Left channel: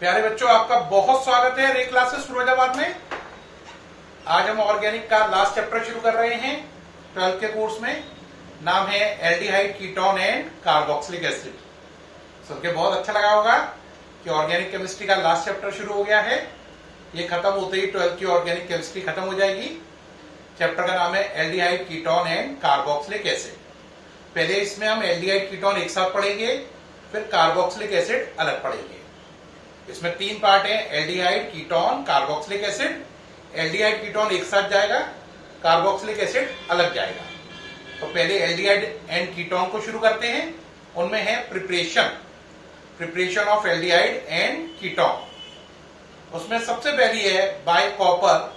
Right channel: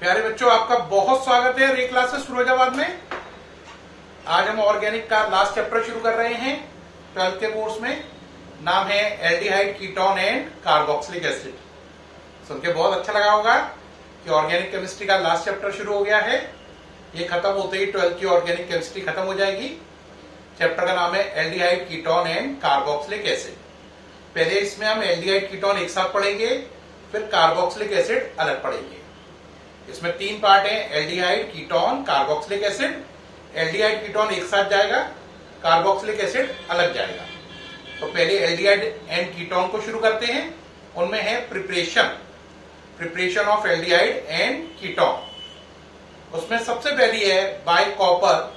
प्यारे बच्चों, आपका बहुत स्वागत है रे क्लासेस फिरोजाबाद में। आज हम ऑर्गेनिक का लास्ट चैप्टर शुरू कर रहे हैं 12th के कोर्स में। नाम है aldehyde ketone and carboxylic acid. सुन के बहुत अच्छा लगा होगा कि ऑर्गेनिक केमिस्ट्री का लास्ट चैप्टर शुरू हो गया है। ये खत्म होते ही 12th की ऑर्गेनिक केमिस्ट्री खत्म हो जाएगी। चैप्टर का नाम है aldehyde ketone and carboxylic acid. पहले इसमें हम एल्डिहाइड कीटोन एक साथ पढ़ेंगे, फिर कार्बोक्सिलिक एसिड अलग पढ़ेंगे। इसमें 3 पार्ट है, aldehyde ketone carboxylic acid. Aldehyde ketone एक साथ जाएगा, कार्बोक्सिलिक एसिड अलग जाएगा। तो पहले एल्डिहाइड एंड कीटोन को शुरू करते हैं। उनमें है preparation of aldehyde and ketone. उसमें सबसे पहली है बाय कॉपर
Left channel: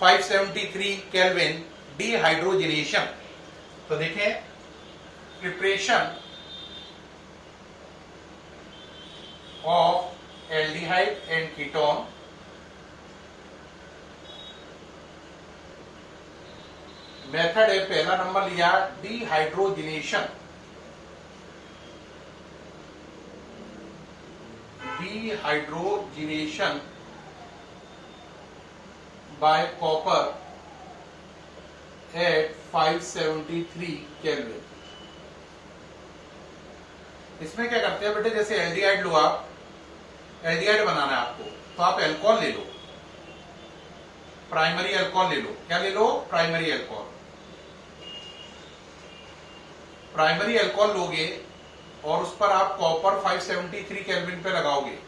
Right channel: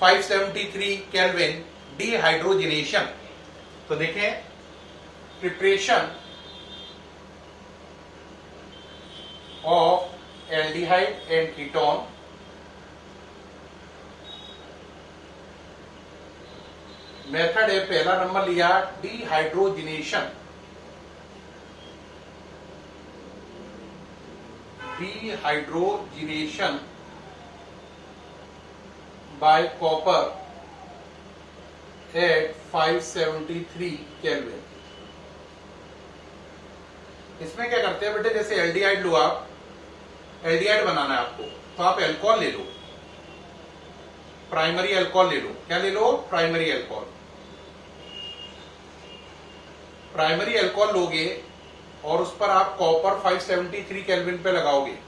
573 केल्विन डिहाइड्रोजिनेशन। तो देखिए, preparation of aldehyde and ketone. Method है, पहला नंबर लिया dehydrogenation. Dehydrogenation by copper at 573 kelvin. इसमें क्या करते हैं बेटे, जैसे एल्डिहाइड लो आप, एल्डिहाइड बनाना है आपको, तो आप एल्कोहल ले लो, प्राइमरी एल्कोहल ले लो। क्या ले लो? Primary alcohol. प्राइमरी एल्कोहल लोगे और उस पर आप कॉपर 573 केल्विन पे लगाओगे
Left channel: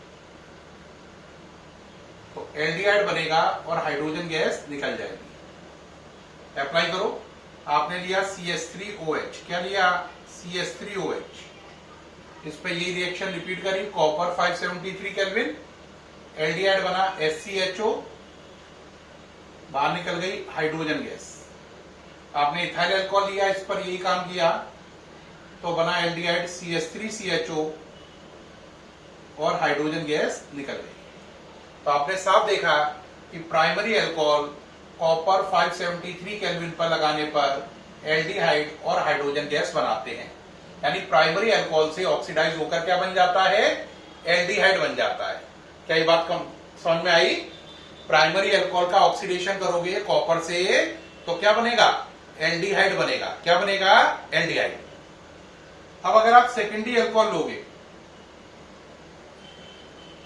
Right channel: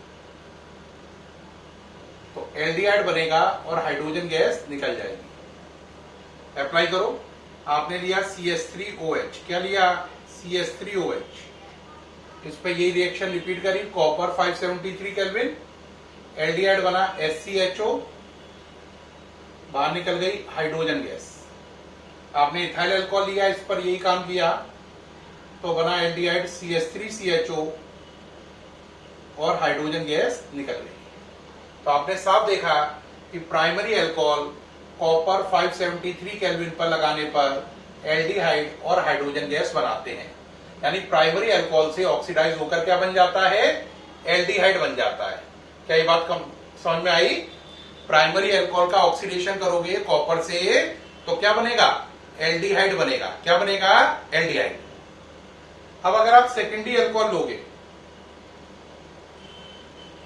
तो एल्डिहाइड बनेगा और हाइड्रोजन गैस निकल जाएगी। अप्लाई करो। आपने लिया CH3OH। क्या लिया? CH3OH। इस पर यही रिएक्शन रिपीट करी, कॉपर 573 केल्विन, एल्डिहाइड बना SCHO, बाहर निकल गई हाइड्रोजन गैस। आपने इथाइल अल्कोहल लिया, इस पर यही काम किया तो बना एल्डिहाइड CH3CHO और हाइड्रोजन गैस निकल गई। तो आपने साफ देखा कि प्राइमरी अल्कोहल कॉपर 573 केल्विन पर लगाने पर एल्डिहाइड और हाइड्रोजन गैस बनाते हैं। यानी प्राइमरी अल्कोहल से ऑक्सीडाइज होकर क्या बन जाता है? एल्डिहाइड बन जाता है। क्या ये बात समझ में आई? प्राइमरी अल्कोहल का ऑक्सीडेशन करोगे कॉपर से तो क्या बनेगा? एल्डिहाइड बनेगा। क्या बनेगा? एल्डिहाइड। अब अगर आप सेकेंडरी अल्कोहल लोगे,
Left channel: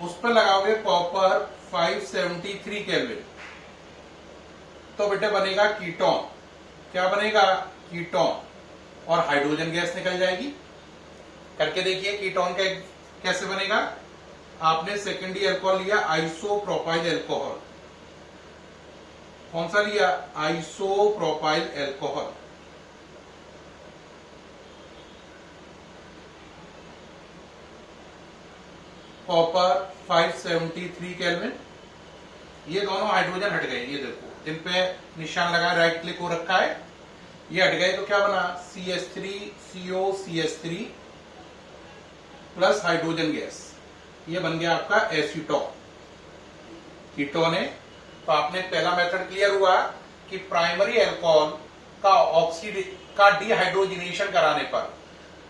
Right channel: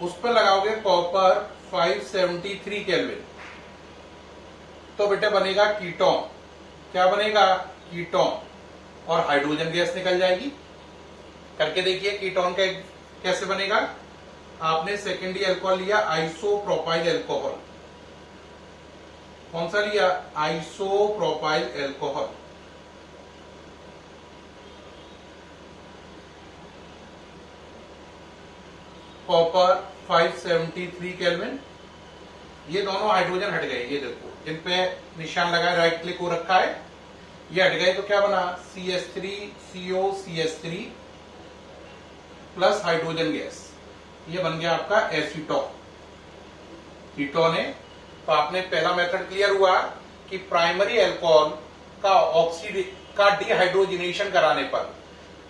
उस पर लगाओगे कॉपर 573 केल्विन, तो बेटे बनेगा कीटोन। क्या बनेगा? कीटोन और हाइड्रोजन गैस निकल जाएगी। करके देखिए कीटोन का कैसे बनेगा। आपने सेकेंडरी अल्कोहल लिया, आइसोप्रोपाइल अल्कोहल। कौन सा लिया? Isopropyl alcohol. Copper 573 kelvin. ये दोनों हाइड्रोजन हट गए, ये देखो जिन पे निशान लगा है, राइट क्लिक हो रखा है, ये हट गए। तो क्या बना? CH3COCH3 plus hydrogen gas. ये बन गया आपका एसीटोन। कीटोन है। तो आपने पहला मेथड क्लियर हुआ कि प्राइमरी अल्कोहल का डिहाइड्रोजिनेशन कराने पर,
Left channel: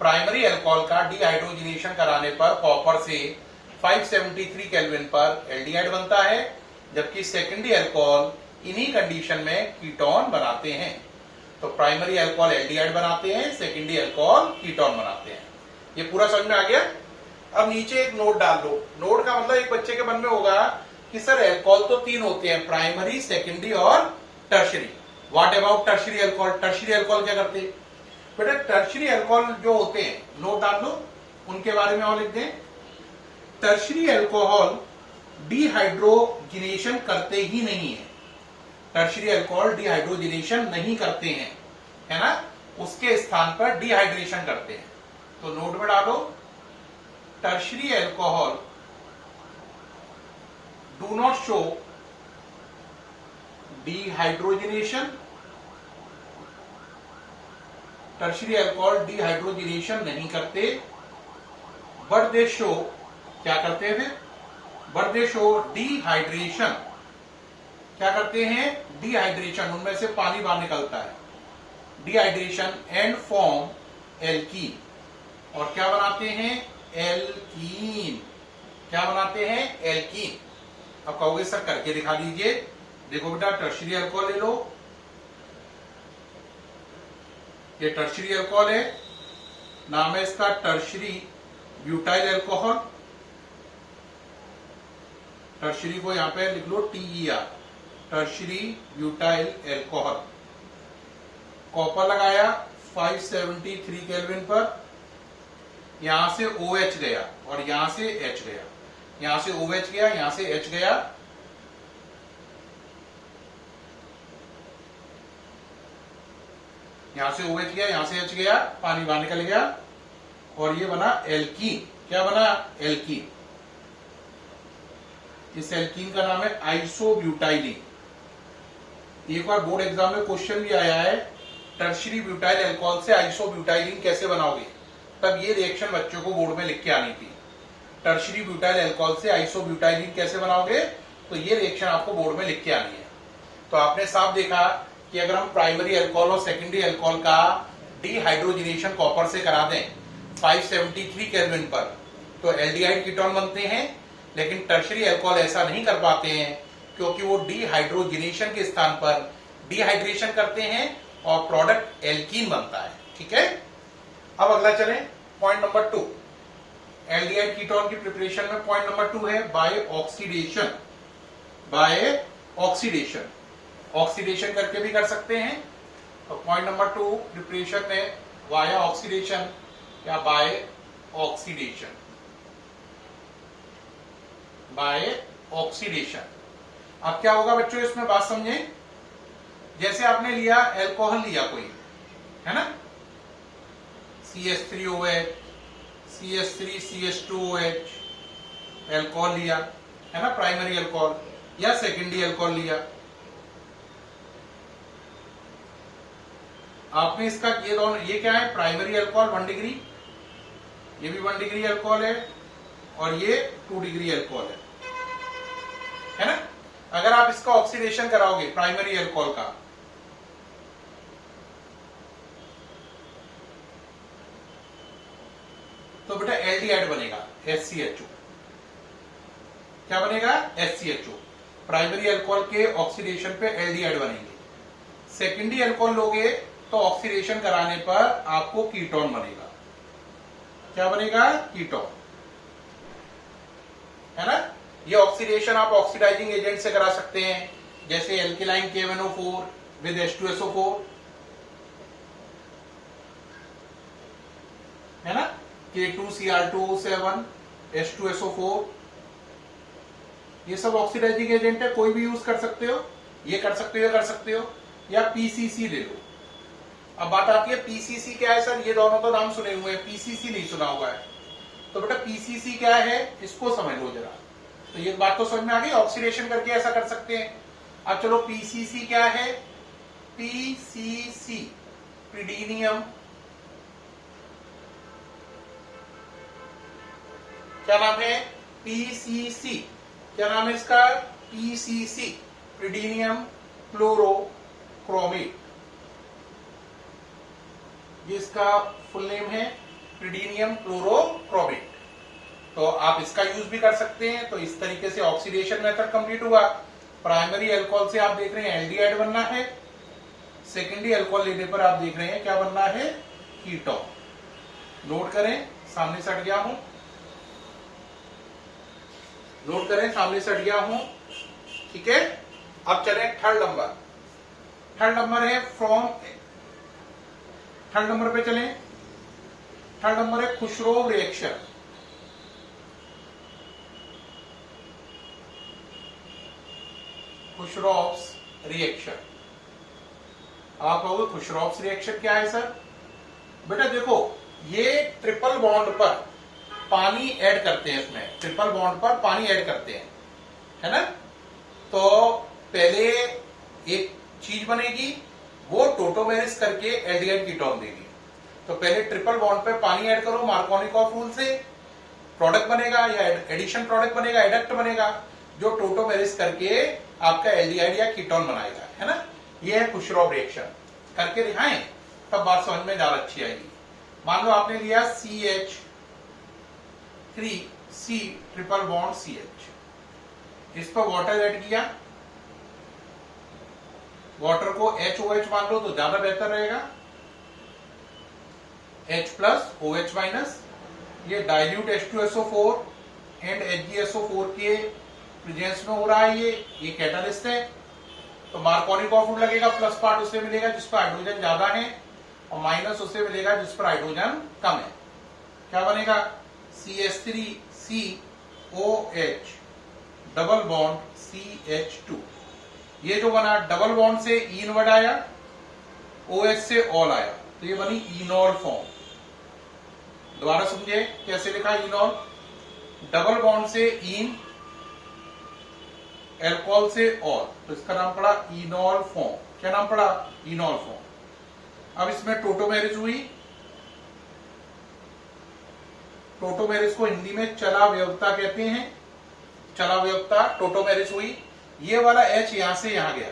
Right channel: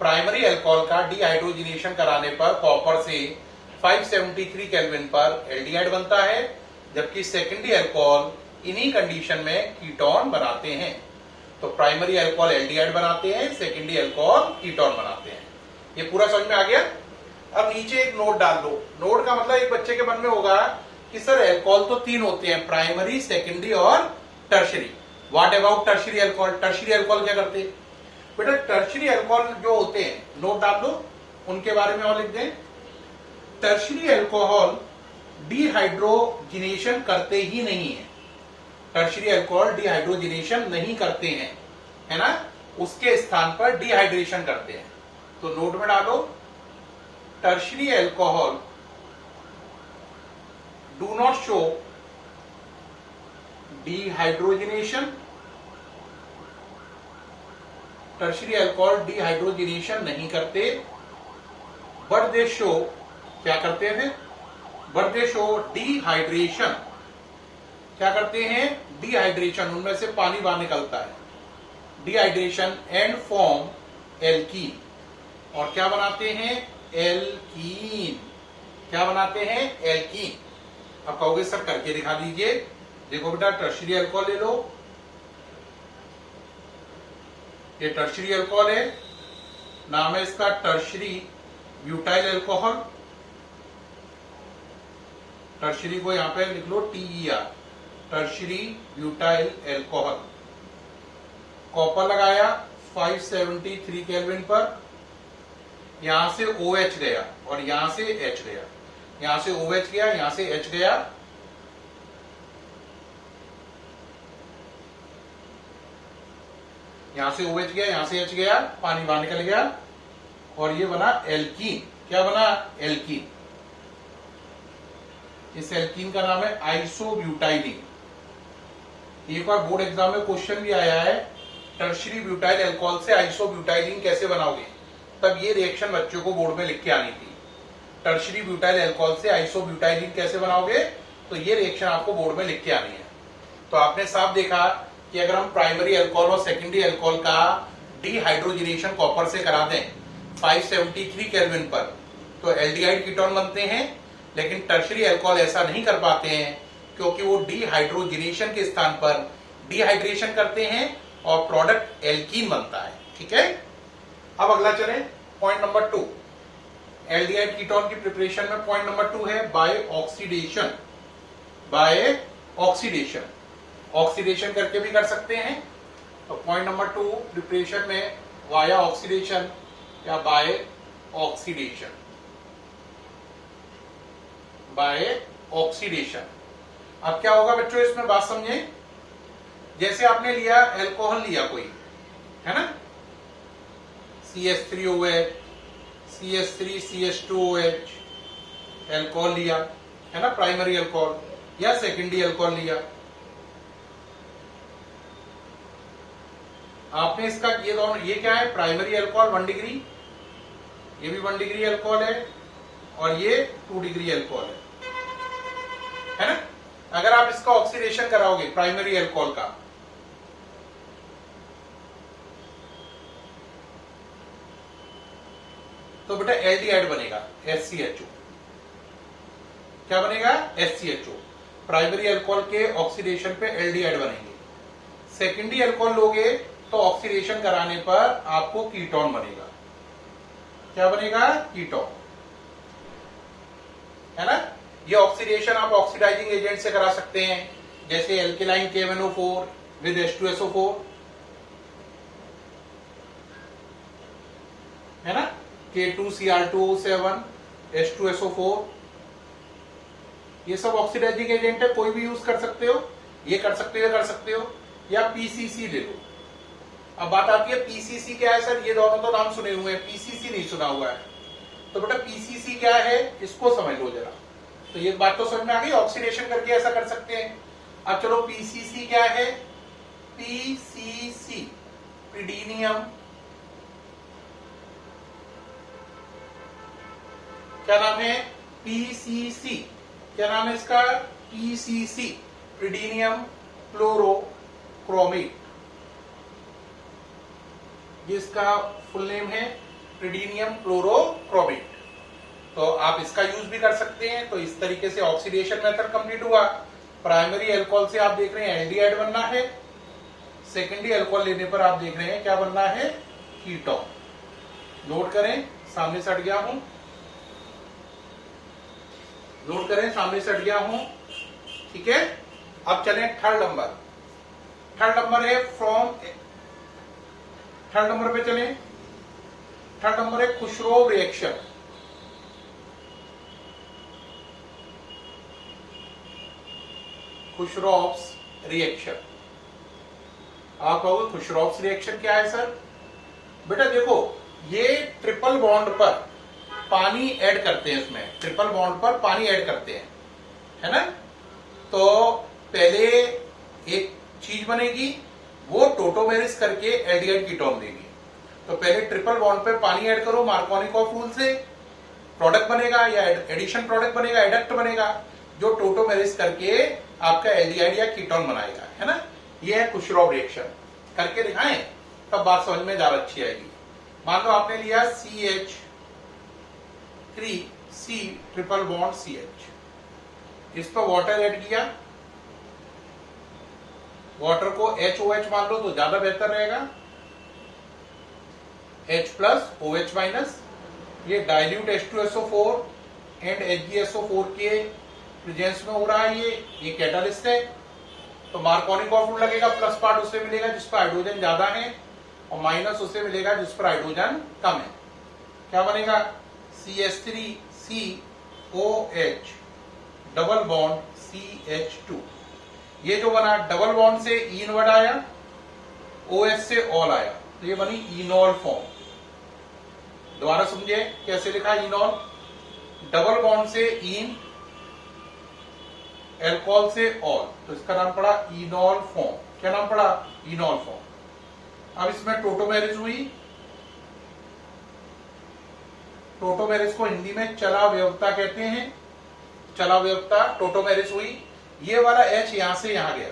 प्राइमरी अल्कोहल का डिहाइड्रोजिनेशन कराने पर कॉपर से 573 केल्विन पर एल्डिहाइड बनता है, जबकि सेकेंडरी अल्कोहल इन्हीं कंडीशन में कीटोन बनाते हैं। तो प्राइमरी अल्कोहल एल्डिहाइड बनाते हैं, सेकेंडरी अल्कोहल कीटोन बनाते हैं। ये पूरा समझ में आ गया। अब नीचे एक नोट डाल दो। नोट का मतलब एक बच्चे के मन में होगा कि सर अल्कोहल तो 3 होते हैं, प्राइमरी, सेकेंडरी और tertiary. What about tertiary alcohol? Tertiary alcohol क्या करते हैं बेटा? टर्शरी अल्कोहल जो होते हैं, नोट डाल दो, उनके बारे में और लिख दें। टर्शरी अल्कोहल डिहाइड्रोजिनेशन करते ही नहीं है। टर्शरी अल्कोहल डिहाइड्रोजिनेशन नहीं करते हैं, है ना, उसके स्थान पर डिहाइड्रेशन करते हैं। तो नोट में डालो, tertiary alcohol do not show dehydrogenation. Tertiary alcohol dehydrogenation नहीं करते, बट दे शो, क्या करते हैं? But they show dehydration. क्या करते हैं? डिहाइड्रेशन। उनमें से पानी बाहर निकलता है, डिहाइड्रेशन, एंड फॉर्म एल्कीन। और क्या बनाते हैं? एल्कीन। क्या बनाते हैं? एल्कीन। अब कहोगे सर करके दिखा दीजिए। देखो बेटा, टर्शियरी अल्कोहल ले लो, ये टर्शियरी अल्कोहल है, नाम है इसका टर्शियरी ब्यूटाइल अल्कोहल। टर्शियरी को यहां पे लिख लो TER, tertiary butyl alcohol. Copper लगाया 573 केल्विन पर, यहां से OH गया और यहां से H गया, यहां से OH गया, यहां से H गया, यहां से OH गया, यहां से H गया, पानी बाहर निकल गया और ये बना एल्कीन। क्या बना? एल्कीन। इस एल्कीन का नाम है आइसोब्यूटाइलिन। एक बार बोर्ड एग्जाम में क्वेश्चन भी आया है, टर्शियरी ब्यूटाइल अल्कोहल से आइसोब्यूटाइलिन कैसे बनाओगे? तब ये रिएक्शन बच्चों को बोर्ड में लिख के आनी थी। टर्शियरी ब्यूटाइल अल्कोहल से आइसोब्यूटाइलिन कैसे बनाओगे? तो ये रिएक्शन आपको बोर्ड में लिख के आनी है। तो आपने साफ देखा कि अगर हम प्राइमरी अल्कोहल और सेकेंडरी अल्कोहल का डिहाइड्रोजिनेशन कॉपर से करा दें 573 केल्विन पर, तो एल्डिहाइड कीटोन बनते हैं। लेकिन टर्शियरी अल्कोहल ऐसा नहीं कर पाते हैं क्योंकि वो डिहाइड्रोजिनेशन के स्थान पर डिहाइड्रेशन करते हैं और प्रोडक्ट एल्कीन बनता है। ठीक है, अब अगला चले पॉइंट नंबर 2। एल्डिहाइड कीटोन की प्रिपरेशन में पॉइंट नंबर 2 है by oxidation. By oxidation, oxidation करके भी कर सकते हैं। तो पॉइंट नंबर 2 प्रिपरेशन में वाया ऑक्सीडेशन या बाय ऑक्सीडेशन। By oxidation. अब क्या होगा बच्चों, इसमें बात समझे। जैसे आपने लिया अल्कोहल लिया कोई, है ना, CH3OH, CH3CH2OH, अल्कोहल लिया, है ना, प्राइमरी अल्कोहल, या सेकेंडरी अल्कोहल लिया। आपने इसका ये दोनों, ये क्या है? प्राइमरी अल्कोहल 1 डिग्री, ये भी 1 डिग्री अल्कोहल है और ये 2 डिग्री अल्कोहल है ना। अगर आप इसका ऑक्सीडेशन कराओगे प्राइमरी अल्कोहल का, तो बेटा एल्डिहाइड बनेगा HCHO। क्या बनेगा? HCHO। प्राइमरी अल्कोहल के ऑक्सीडेशन पे एल्डिहाइड बनेंगे। सेकेंडरी अल्कोहल लोगे तो ऑक्सीडेशन कराने पर आपको कीटोन बनेगा। क्या बनेगा? कीटोन, है ना। ये ऑक्सीडेशन आप ऑक्सीडाइजिंग एजेंट से करा सकते हैं, जैसे एल्केलाइन KMnO4 विद H2SO4, है ना, K2Cr2O7 H2SO4, ये सब ऑक्सीडाइजिंग एजेंट है, कोई भी यूज कर सकते हो। ये कर सकते हो, कर सकते हो, या PCC ले लो। अब बात आती है PCC क्या है सर? ये दोनों तो नाम सुने हुए हैं, PCC नहीं सुना हुआ है। तो बेटा PCC क्या है, इसको समझ लो जरा। तो ये बात तो समझ में आ गई, ऑक्सीडेशन करके ऐसा कर सकते हैं। अब चलो PCC क्या है? PCC प्रीडीनियम, क्या नाम है? PCC, क्या नाम है इसका? PCC प्रीडीनियम क्लोरोक्रोमेट, जिसका फुल नेम है प्रीडीनियम क्लोरोक्रोमेट। तो आप इसका यूज भी कर सकते हैं। तो इस तरीके से ऑक्सीडेशन मेथड कंप्लीट हुआ। प्राइमरी अल्कोहल से आप देख रहे हैं एल्डिहाइड बनना है, सेकेंडरी अल्कोहल लेने पर आप देख रहे हैं क्या बनना है? कीटोन। नोट करें, सामने से हट गया हूं, नोट करें, सामने से हट गया हूं। ठीक है, अब चलें थर्ड नंबर। थर्ड नंबर है फ्रॉम, थर्ड नंबर पे चलें। थर्ड नंबर है खुशरोव रिएक्शन। खुशरोव्स रिएक्शन। आप कहोगे खुशरोव्स रिएक्शन क्या है सर? बेटा देखो, ये ट्रिपल बॉन्ड पर पानी ऐड करते हैं, उसमें ट्रिपल बॉन्ड पर पानी ऐड करते हैं, है ना। तो पहले एक चीज बनेगी, वो टोटोमेरिस करके एल्डिहाइड कीटोन देगी। तो पहले ट्रिपल बॉन्ड पे पानी ऐड करो मार्कोनिकॉफ रूल से, प्रोडक्ट बनेगा या एडिशन प्रोडक्ट बनेगा, एडक्ट बनेगा, जो टोटोमेरिस करके आपका एल्डिहाइड या कीटोन बनाएगा, है ना। ये है खुशरोव रिएक्शन। करके दिखाएं, तब बात समझ में ज्यादा अच्छी आएगी। मान लो आपने लिया CH3 C triple bond CH। इस पर वाटर ऐड किया, वाटर को HOH मान लो तो ज्यादा बेहतर रहेगा, H प्लस OH माइनस। ये डाइल्यूट H2SO4 एंड HgSO4 के प्रेजेंस में हो रहा है। ये कैटालिस्ट है, तो मार्कोनिकॉफ रूल लगेगा। प्लस पार्ट उसे मिलेगा जिस पर हाइड्रोजन ज्यादा है और माइनस उसे मिलेगा जिस पर हाइड्रोजन कम है। क्या बनेगा? CH3COH double bond CH2। ये जो बना डबल बॉन्ड से ईन वर्ड आया, OH से ऑल आया, तो ये बनी इनॉल फॉर्म। दोबारा समझे कैसे लिखा इनॉल? डबल बॉन्ड से ईन, एल्कोहल से ऑल, तो इसका नाम पड़ा इनॉल फॉर्म। क्या नाम पड़ा? इनॉल फॉर्म। अब इसमें टोटोमेरिज हुई। टोटोमेरिज को हिंदी में चला व्यवता कहते हैं। चला व्यवता टोटोमेरिज हुई। ये वाला H यहां से यहां गया,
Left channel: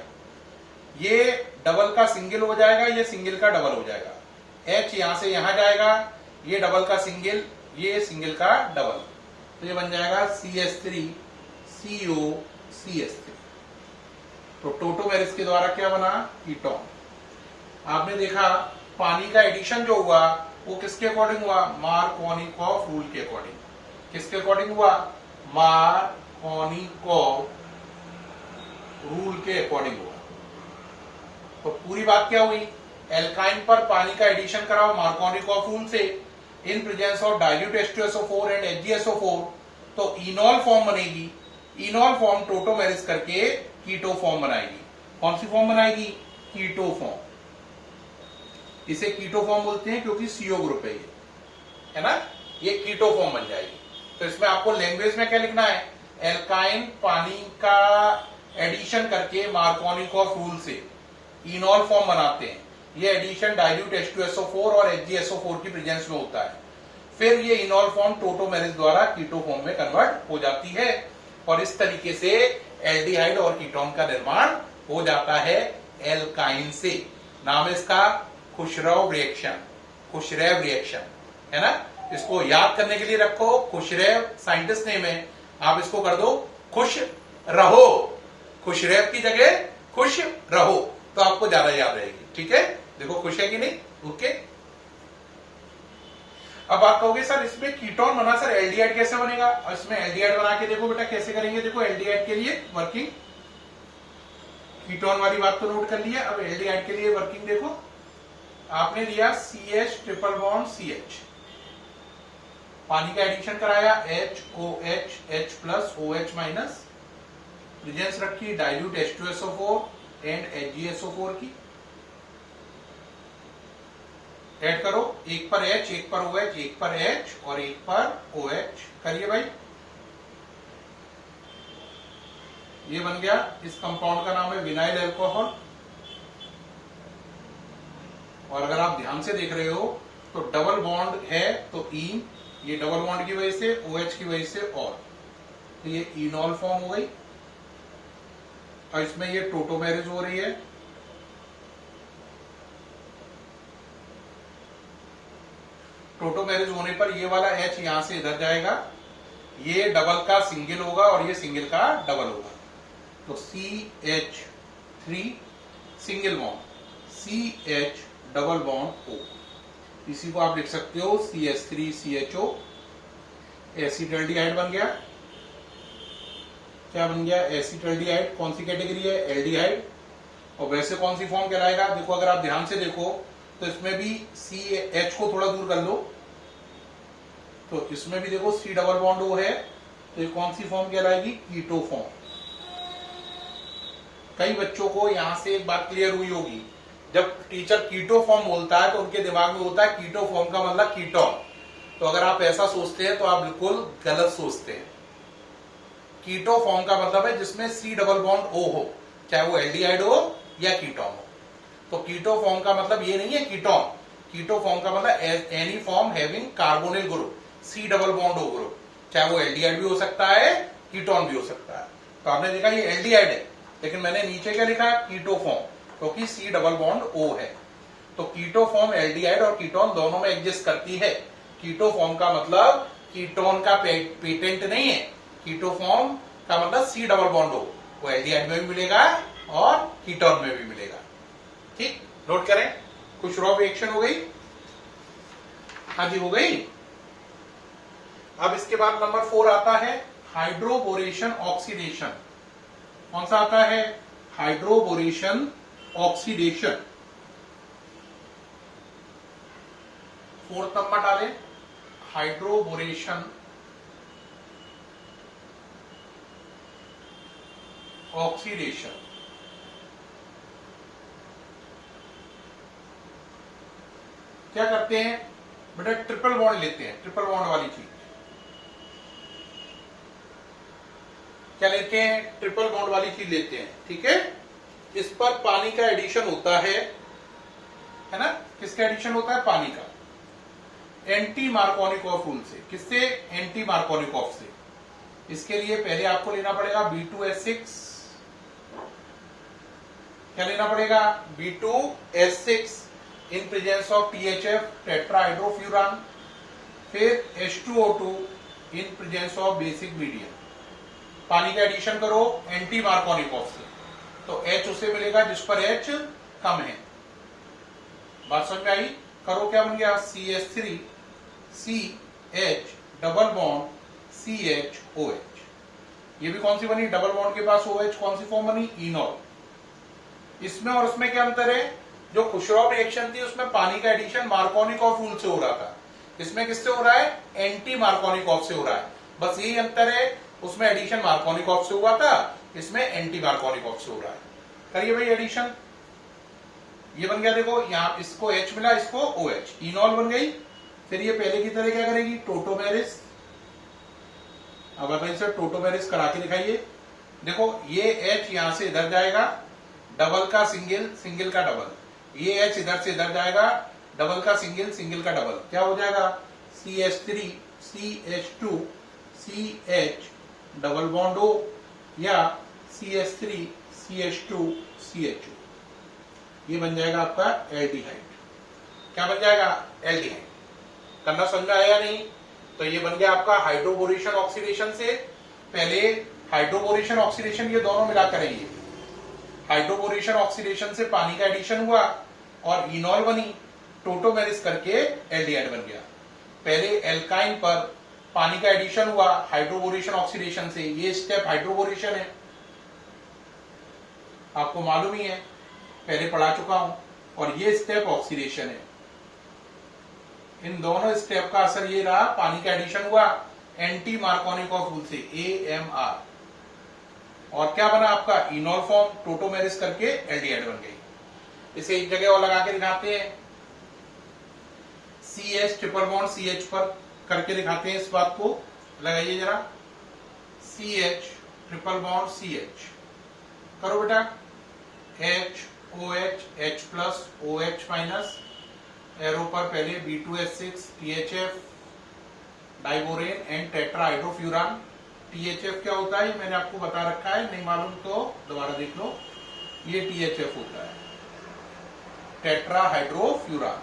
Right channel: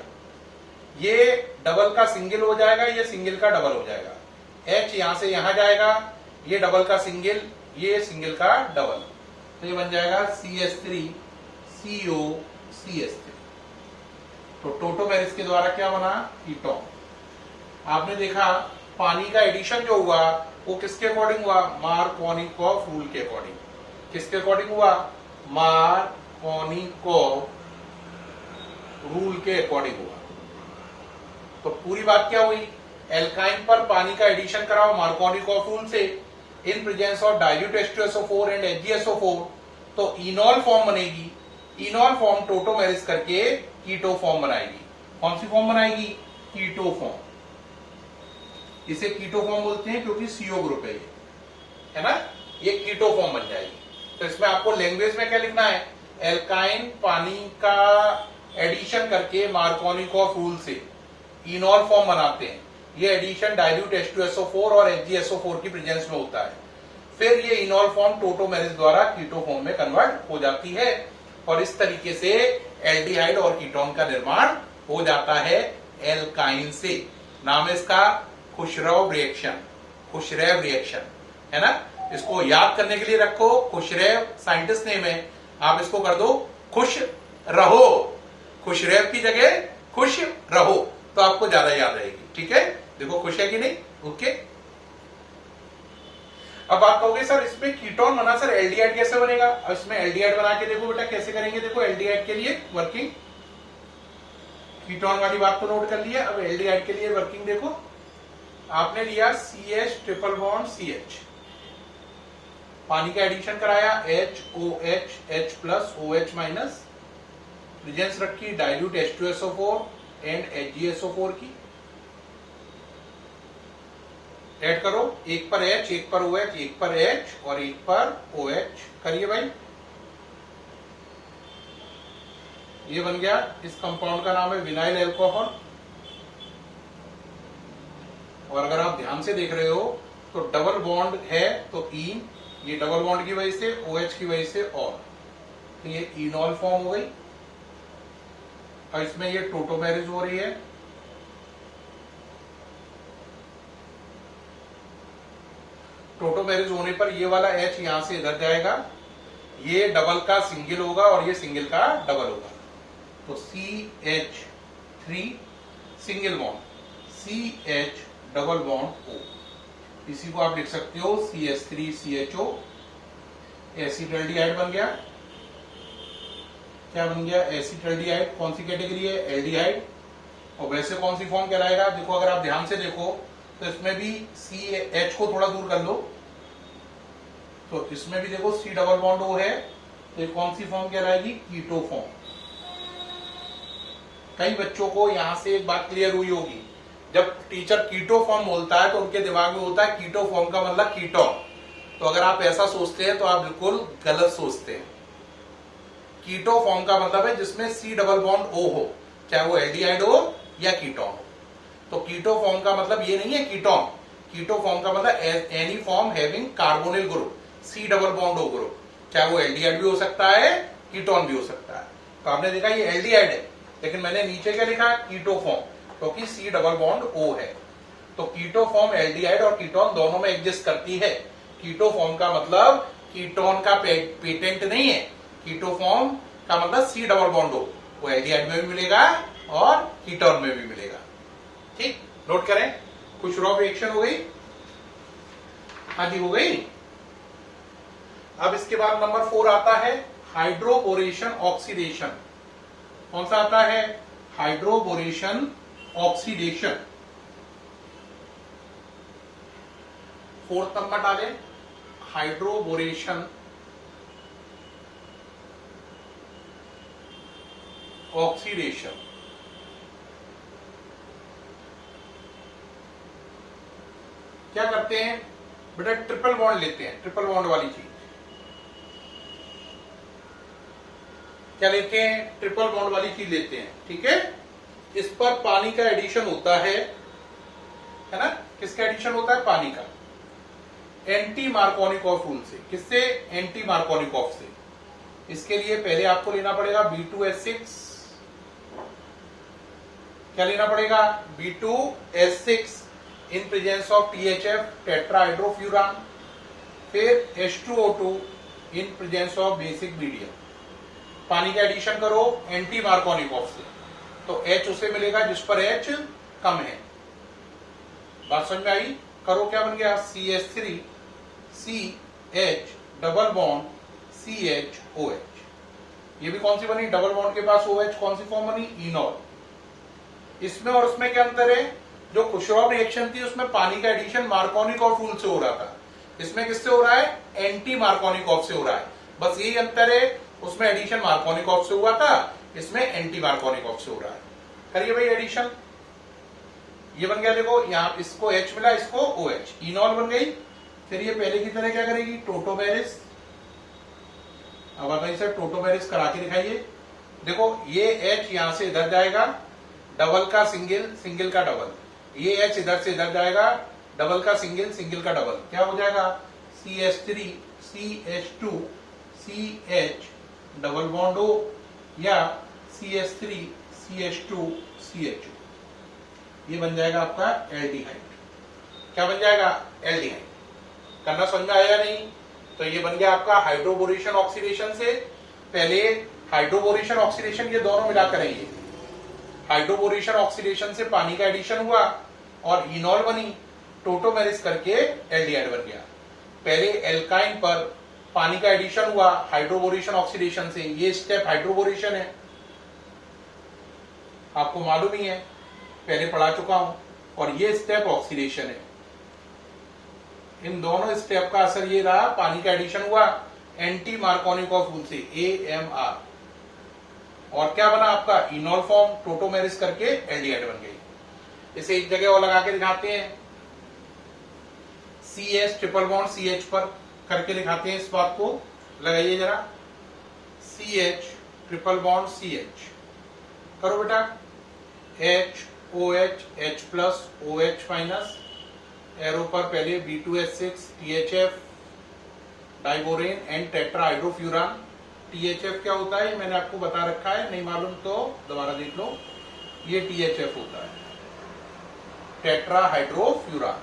ये डबल का सिंगल हो जाएगा, ये सिंगल का डबल हो जाएगा। H यहां से यहां जाएगा, ये डबल का सिंगल, ये सिंगल का डबल, तो ये बन जाएगा CH3COCH3। तो टोटोमेरिज के द्वारा क्या बना? कीटोन। आपने देखा पानी का एडिशन जो हुआ वो किसके अकॉर्डिंग हुआ? मार्कोनिकॉफ रूल के अकॉर्डिंग। किसके अकॉर्डिंग हुआ? मार्कोनिकॉफ रूल के अकॉर्डिंग हुआ। तो पूरी बात क्या हुई? एल्काइन पर पानी का एडिशन कराओ मार्कोनिकॉफ रूल से in presence of dilute H2SO4 and HgSO4, तो इनॉल फॉर्म बनेगी। इनॉल फॉर्म टोटोमेरिज करके कीटो फॉर्म बनाएगी। कौन सी फॉर्म बनाएगी? Keto form. इसे कीटो फॉर्म बोलते हैं क्योंकि CO ग्रुप है ना, ये कीटो फॉर्म बन जाएगी। तो इसमें आपको लैंग्वेज में क्या लिखना है? एल्काइन पानी का एडिशन करके मार्कोनिकॉफ रूल से इनॉल फॉर्म बनाते हैं। ये एडिशन डाइल्यूट H2SO4 और HgSO4 की प्रेजेंस में होता है। फिर ये इनॉल फॉर्म टोटोमेरिज द्वारा कीटो फॉर्म में कन्वर्ट हो जाती है और इस तरीके से एल्डिहाइड और कीटोन का निर्माण हो जाता है एल्काइन से। नाम है इसका खुशरव रिएक्शन। खुशरेव रिएक्शन है ना, इसको याद करने के लिए रखो। खुशरेव साइंटिस्ट नेम है, आप इसको कर दो खुश रहो। खुशरेव की जगह खुश रहो तो आपको ज्यादा याद रहेगी। ठीक है, देखो खुश है कि नहीं? ओके। अब आप कहोगे सर इसमें कीटोन बना, सर एल्डिहाइड कैसे बनेगा? अब इसमें एल्डिहाइड बना के देखो बेटा कैसे करेंगे। देखो एल्डिहाइड के लिए वर्किंग, कीटोन वाली बात तो नोट कर लिया, अब एल्डिहाइड के लिए वर्किंग देखो। आपने लिया CH ट्रिपल बॉन्ड CH, पानी का एडिशन कराया HOH H plus OH minus, presence रखी डाइल्यूट H2SO4 एंड HgSO4 की। ऐड करो, एक पर H, एक पर OH, एक पर H और एक पर OH करिए भाई। ये बन गया, इस कंपाउंड का नाम है विनाइल अल्कोहल। और अगर आप ध्यान से देख रहे हो तो डबल बॉन्ड है तो ईन, ये डबल बॉन्ड की वजह से, OH की वजह से और, तो ये इनॉल फॉर्म हो गई और इसमें ये टोटोमेरिज हो रही है। टोटोमेरिज होने पर ये वाला H यहां से इधर जाएगा, ये डबल का सिंगल होगा और ये सिंगल का डबल होगा, तो CH3 single bond CH double bond O। इसी को आप लिख सकते हो CH3CHO। एसिटल्डिहाइड बन गया। क्या बन गया? एसिटल्डिहाइड। कौन सी कैटेगरी है? एल्डिहाइड। और वैसे कौन सी फॉर्म कहलाएगा? देखो अगर आप ध्यान से देखो तो इसमें भी CH को थोड़ा दूर कर लो, तो इसमें भी देखो C डबल बॉन्ड O है, तो ये कौन सी फॉर्म कहलाएगी? Keto form. कई बच्चों को यहां से एक बात क्लियर हुई होगी, जब टीचर कीटो फॉर्म बोलता है तो उनके दिमाग में होता है कीटो फॉर्म का मतलब कीटोन। तो अगर आप ऐसा सोचते हैं तो आप बिल्कुल गलत सोचते हैं। कीटो फॉर्म का मतलब है जिसमें C डबल बॉन्ड O हो, चाहे वो एल्डिहाइड हो या कीटोन हो। तो कीटो फॉर्म का मतलब ये नहीं है कीटोन। कीटो फॉर्म का मतलब any form having carbonyl group C double bond O group, चाहे वो एल्डिहाइड भी हो सकता है, कीटोन भी हो सकता है। तो आपने देखा ये एल्डिहाइड है, लेकिन मैंने नीचे क्या लिखा? कीटो फॉर्म, क्योंकि C डबल बॉन्ड O है। तो कीटो फॉर्म एल्डिहाइड और कीटोन दोनों में एग्जिस्ट करती है। कीटो फॉर्म का मतलब कीटोन का पेटेंट नहीं है। कीटोफॉर्म का मतलब सी डबल बॉन्ड हो, वो एल्डिहाइड में भी मिलेगा और कीटोन में भी मिलेगा। ठीक, नोट करें। कुछ रॉ रिएक्शन हो गई? हाँ जी, हो गई। अब इसके बाद नंबर 4 आता है हाइड्रोबोरेशन ऑक्सीडेशन। कौन सा आता है? Hydroboration oxidation. 4th नंबर डालें, हाइड्रोबोरेशन ऑक्सीडेशन। क्या करते हैं बेटा? ट्रिपल बॉन्ड लेते हैं, ट्रिपल बॉन्ड वाली चीज। क्या लेते हैं? ट्रिपल बॉन्ड वाली चीज लेते हैं, ठीक है। इस पर पानी का एडिशन होता है ना? किसका एडिशन होता है? पानी का, एंटी मार्कोनिकॉफ रूल से। किससे? एंटी मार्कोनिकॉफ से। इसके लिए पहले आपको लेना पड़ेगा B2S6। क्या लेना पड़ेगा? B2S6 in presence of THF, टेट्राहाइड्रोफ्यूरान। फिर H2O2 in presence of basic medium. पानी का एडिशन करो एंटी मार्कोनिकॉफ से, तो H उसे मिलेगा जिस पर H कम है। बात समझ में आई? करो, क्या बन गया? CH3 CH double bond CHOH। ये भी कौन सी बनी? डबल बॉन्ड के पास OH, कौन सी फॉर्म बनी? इनॉल। इसमें और उसमें क्या अंतर है? जो खुशरॉफ रिएक्शन थी उसमें पानी का एडिशन मार्कोनिकॉफ रूल से हो रहा था, इसमें किससे हो रहा है? एंटी मार्कोनिकॉफ से हो रहा है। बस यही अंतर है, उसमें एडिशन मार्कोनिकॉफ से हुआ था, इसमें एंटी मार्कोनिकॉफ से हो रहा है। करिए भाई एडिशन। ये बन गया, देखो यहां इसको H मिला, इसको OH, इनॉल बन गई। फिर ये पहले की तरह क्या करेगी? टोटोमेरिस। अब बताइए सर, टोटोमेरिस करा के दिखाइए। देखो ये H यहां से इधर जाएगा, डबल का सिंगल, सिंगल का डबल। ये H इधर से इधर जाएगा, डबल का सिंगल, सिंगल का डबल। क्या हो जाएगा? CH3 CH2 CH double bond O, या CH3 CH2 CH2। ये बन जाएगा आपका एल्डिहाइड। क्या बन जाएगा? एल्डिहाइड। करना समझ में आया नहीं? तो ये बन गया आपका हाइड्रोबोरेशन ऑक्सीडेशन से। पहले हाइड्रोबोरेशन ऑक्सीडेशन, ये दोनों मिला करेंगे। हाइड्रोबोरेशन ऑक्सीडेशन से पानी का एडिशन हुआ और इनॉल बनी, टोटोमेरिस करके एल्डिहाइड बन गया। पहले एल्काइन पर पानी का एडिशन हुआ हाइड्रोबोरेशन ऑक्सीडेशन से, ये स्टेप हाइड्रोबोरेशन है, आपको मालूम ही है, पहले पढ़ा चुका हूं। और ये स्टेप ऑक्सीडेशन है। इन दोनों स्टेप का असर ये रहा, पानी का एडिशन हुआ एंटी मार्कोनिकॉफ रूल से, AMR, और क्या बना आपका? इनॉल फॉर्म, टोटोमेरिस करके एल्डिहाइड बन गई। इसे एक जगह और लगा के दिखाते हैं, CH ट्रिपल बॉन्ड CH पर करके दिखाते हैं। इस बात को लगाइए जरा, CH ट्रिपल बॉन्ड CH करो बेटा, H OH H plus OH minus, arrow पर पहले B2S6 THF diborane and tetrahydrofuran. THF क्या होता है मैंने आपको बता रखा है, नहीं मालूम तो दोबारा देख लो। ये THF होता है, टेट्राहाइड्रोफ्यूरान।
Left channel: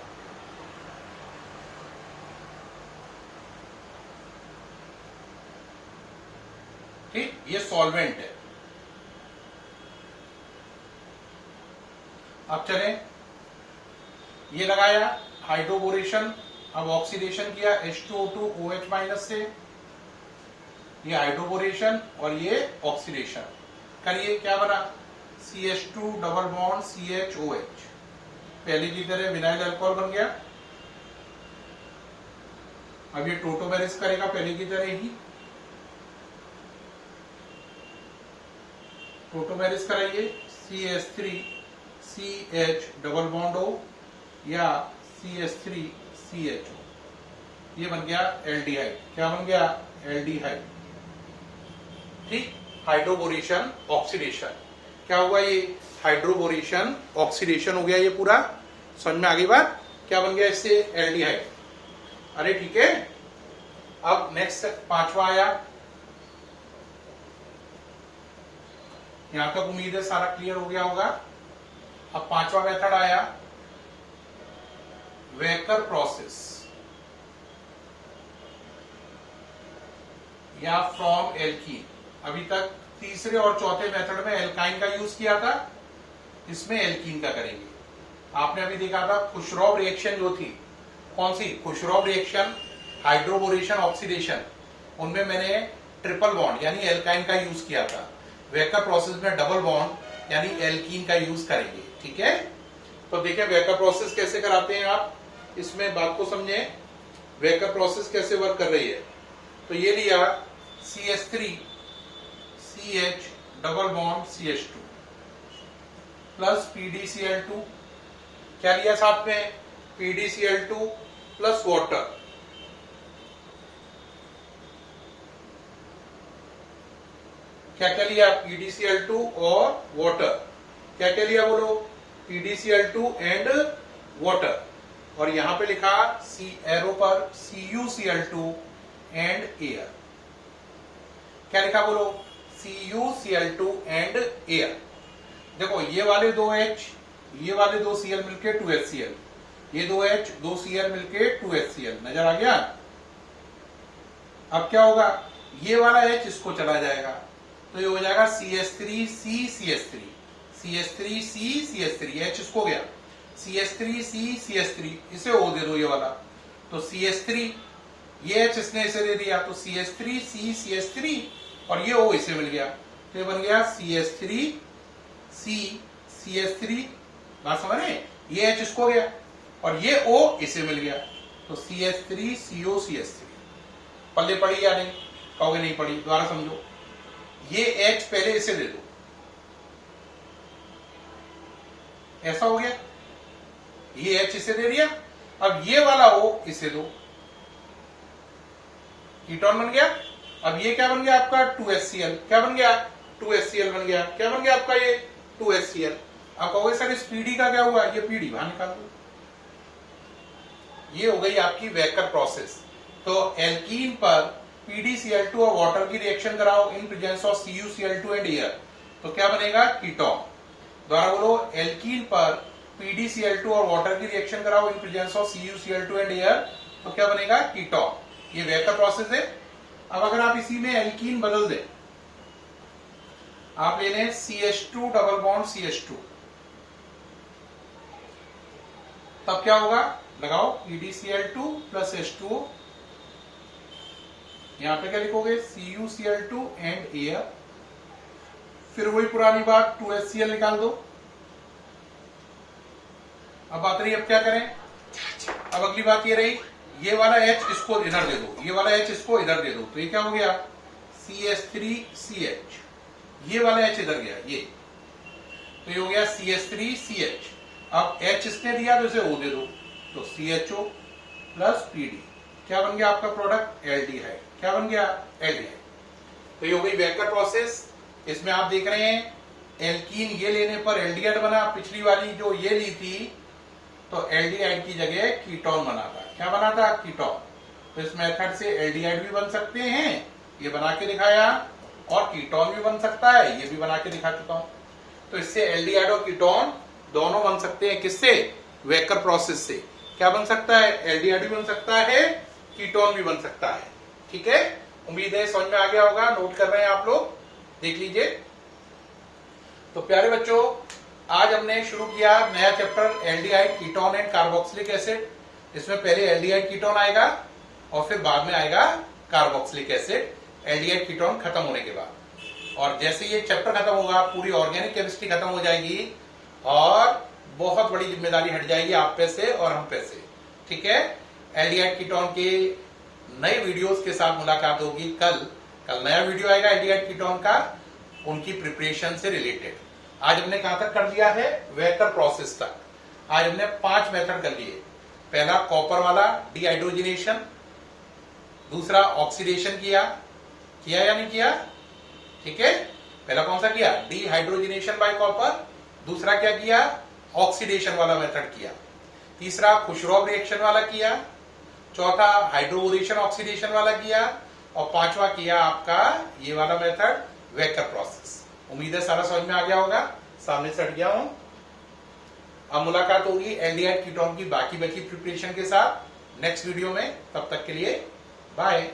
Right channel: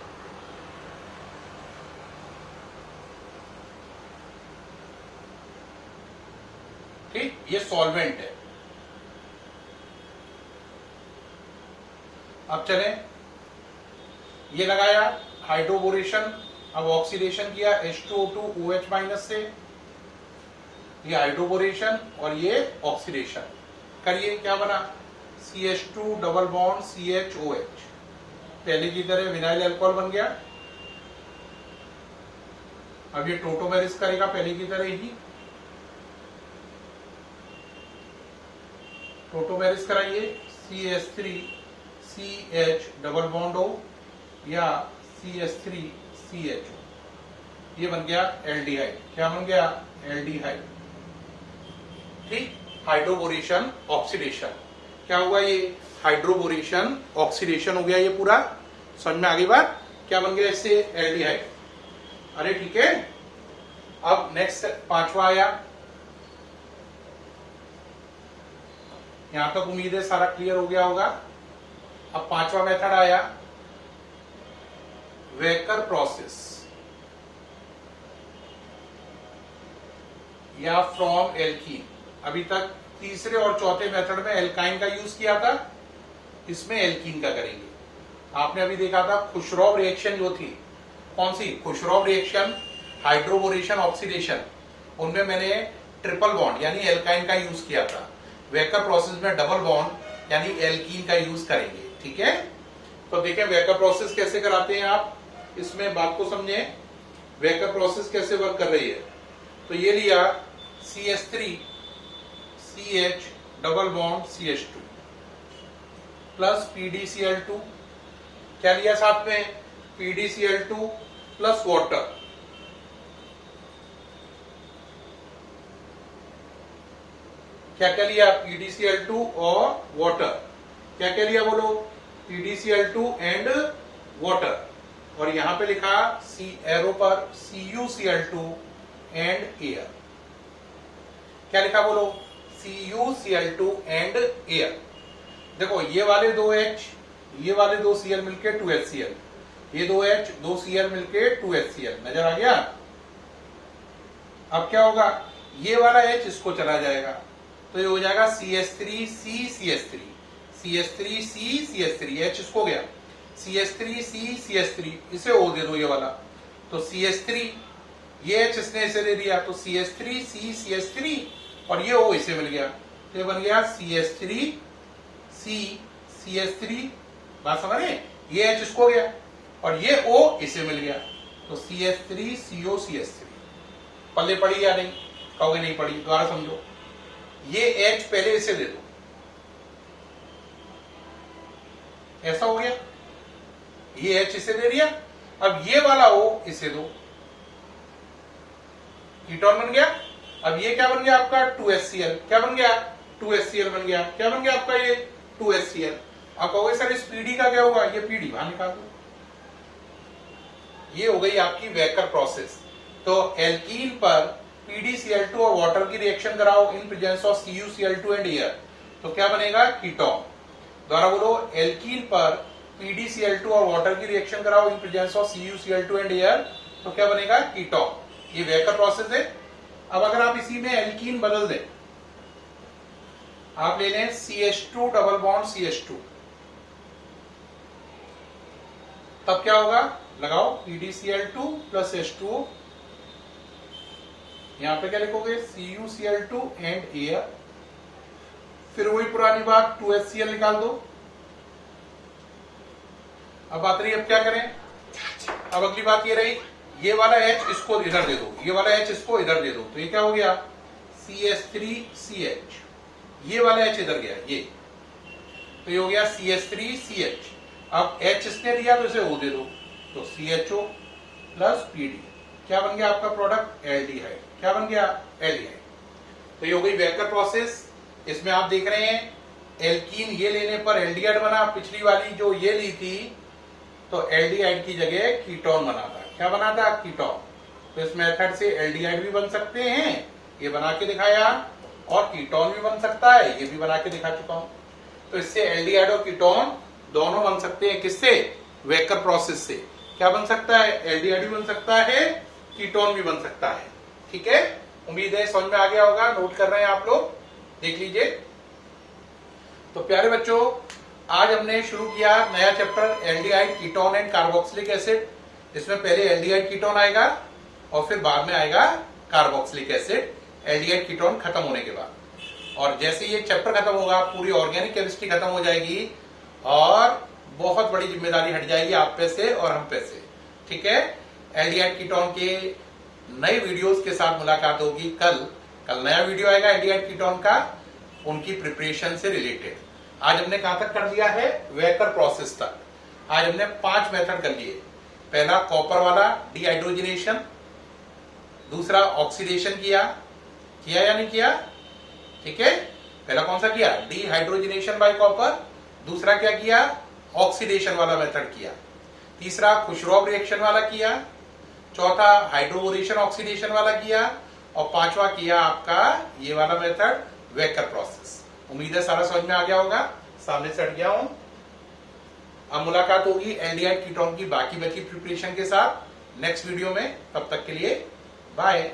ठीक, ये सॉल्वेंट है। अब चलें, ये लगाया हाइड्रोबोरेशन, अब ऑक्सीडेशन किया H2O2 OH माइनस से, ये हाइड्रोबोरेशन और ये ऑक्सीडेशन। करिए, क्या बना? CH2 डबल बॉन्ड CHOH, पहले की तरह विनाइल अल्कोहल बन गया। अब ये टोटोमेरिस करेगा पहले की तरह ही, टोटोमेरिस कराइए, CH3 CH double bond O या CH3 CHO, ये बन गया एल्डिहाइड। क्या बन गया? एल्डिहाइड। ठीक, हाइड्रोबोरेशन ऑक्सीडेशन। क्या हुआ? ये हाइड्रोबोरेशन ऑक्सीडेशन हो गया, ये पूरा समझ में आ गई बात? क्या बन गया इससे? एल्डिहाइड। अरे ठीक है। अब नेक्स्ट 5वां आया, यहां तक उम्मीद है सारा क्लियर हो गया होगा। अब 5वां मेथड आया, वेकर प्रोसेस। या फ्रॉम एल्कीन। अभी तक तीसरे और चौथे मेथड में एल्काइन का यूज किया था, इसमें एल्कीन का करेंगे। आपने अभी देखा था खुशरॉफ रिएक्शन जो थी, कौन सी खुशरॉफ रिएक्शन, हाइड्रोबोरेशन, ऑक्सीडेशन, उनमें मैंने ट्रिपल बॉन्ड यानी एल्काइन का यूज किया था। वेकर प्रोसेस में डबल बॉन्ड यानी एल्कीन का यूज करेंगे। ठीक है, तो देखिए वेकर प्रोसेस कैसे कराते हैं आप, इसमें बात को समझे वेकर प्रोसेस कैसे वर्क कर रही है। तो ये लिया CH3 CH double bond CH2 plus PdCl2, क्या लिया साथ में PdCl2 प्लस वाटर, क्या क्या लिया PdCl2 और वाटर, क्या क्या लिया बोलो PdCl2 एंड वाटर, और यहां पे लिखा सी एरो पर CuCl2 एंड एयर, क्या लिखा बोलो CuCl2 एंड एयर। देखो ये वाले दो H, ये वाले दो Cl मिलके 2HCl, ये दो H दो Cl मिलके 2HCl, नजर आ गया। अब क्या होगा, ये वाला H इसको चला जाएगा, तो ये हो जाएगा CH3C CH3, CH3C CH3, H इसको गया CH3C CH3, इसे O दे दो ये वाला, तो CH3, ये H इसने इसे दे दिया तो CH3C CH3, और ये O इसे मिल गया, तो ये बन गया CH3C CH3, बात समझ रहे, ये H इसको गया और ये O इसे मिल गया, तो CH3CO CH3। पल्ले पड़ी या नहीं, कहोगे नहीं पड़ी, दोबारा समझो, ये H पहले इसे दे दो, ऐसा हो गया, ये H इसे दे दिया, अब ये वाला O इसे दो, कीटोन बन गया। अब ये क्या बन गया आपका 2HCl, क्या बन गया 2HCl बन गया, क्या बन गया आपका ये 2HCl। आप कहोगे सर इस पीडी का क्या हुआ, ये पीडी बाहर निकाल दो, ये हो गई आपकी वेकर प्रोसेस। तो एल्कीन पर PdCl2 और वाटर की रिएक्शन कराओ in presence of CuCl2 and air, तो क्या बनेगा कीटोन। द्वारा बोलो एल्कीन पर PdCl2 और वाटर की रिएक्शन कराओ in presence of CuCl2 and air, तो क्या बनेगा कीटोन। ये वेकर प्रोसेस है। अब अगर आप इसी में एल्कीन बदल दें, आप ले लें CH2 डबल बॉन्ड CH2, तब क्या होगा, लगाओ PdCl2 प्लस H2O, यहां पे क्या लिखोगे CuCl2 एंड एयर, फिर वही पुरानी बात 2HCl निकाल दो। अब बात रही अब क्या करें, अब अगली बात ये रही, ये वाला H इसको इधर दे दो, ये वाला H इसको इधर दे दो, तो ये क्या हो गया CH3CH, ये वाला H इधर गया ये, तो ये हो गया CH3CH। अब H इसने दिया तो इसे O दे दो, तो CHO प्लस PD, क्या बन गया आपका प्रोडक्ट एल्डिहाइड, क्या बन गया एल्डिहाइड। तो ये हो गई वेकर प्रोसेस। इसमें आप देख रहे हैं एल्कीन ये लेने पर एल्डिहाइड बना, पिछली वाली जो ये ली थी तो एल्डिहाइड की जगह कीटोन बना था, क्या बना था कीटोन। तो इस मेथड से एल्डिहाइड भी बन सकते हैं, ये बना के दिखाया, और कीटोन भी बन सकता है, ये भी बना के दिखा चुका हूं। तो इससे एल्डिहाइड और कीटोन दोनों बन सकते हैं, किससे, वेकर प्रोसेस से। क्या बन सकता है, एल्डिहाइड भी बन सकता है, कीटोन भी बन सकता है। ठीक है, उम्मीद है समझ में आ गया होगा, नोट कर रहे हैं आप लोग, देख लीजिए। तो प्यारे बच्चों, आज हमने शुरू किया नया chapter aldehyde, ketone and carboxylic acid. इसमें पहले एल्डिहाइड कीटोन आएगा और फिर बाद में आएगा कार्बोक्सिलिक एसिड, एल्डिहाइड कीटोन खत्म होने के बाद। और जैसे ये चैप्टर खत्म होगा पूरी ऑर्गेनिक केमिस्ट्री खत्म हो जाएगी और बहुत बड़ी जिम्मेदारी हट जाएगी आप पे से और हम पे से। ठीक है, एल्डिहाइड कीटोन के नए वीडियोस के साथ मुलाकात होगी कल नया वीडियो आएगा एल्डिहाइड कीटोन का, उनकी प्रिपरेशन से रिलेटेड। आज हमने कहां तक कर लिया है, वेकर प्रोसेस तक। आज हमने 5 मेथड कर लिए। पहला कॉपर वाला डिहाइड्रोजनेशन, दूसरा ऑक्सीडेशन किया या नहीं किया, ठीक है। पहला कौन सा किया, डिहाइड्रोजनेशन बाय कॉपर, दूसरा क्या किया, ऑक्सीडेशन वाला मेथड किया, तीसरा खुशरॉफ रिएक्शन वाला किया, चौथा हाइड्रोबोरेशन ऑक्सीडेशन वाला किया, और पांचवा किया आपका ये वाला मेथड वेकर प्रोसेस। उम्मीद है सारा समझ में आ गया होगा, सामने से हट गया हूं। अब मुलाकात होगी एल्डिहाइड कीटोन की बाकी बची प्रिपरेशन के साथ नेक्स्ट वीडियो में। तब तक के लिए बाय।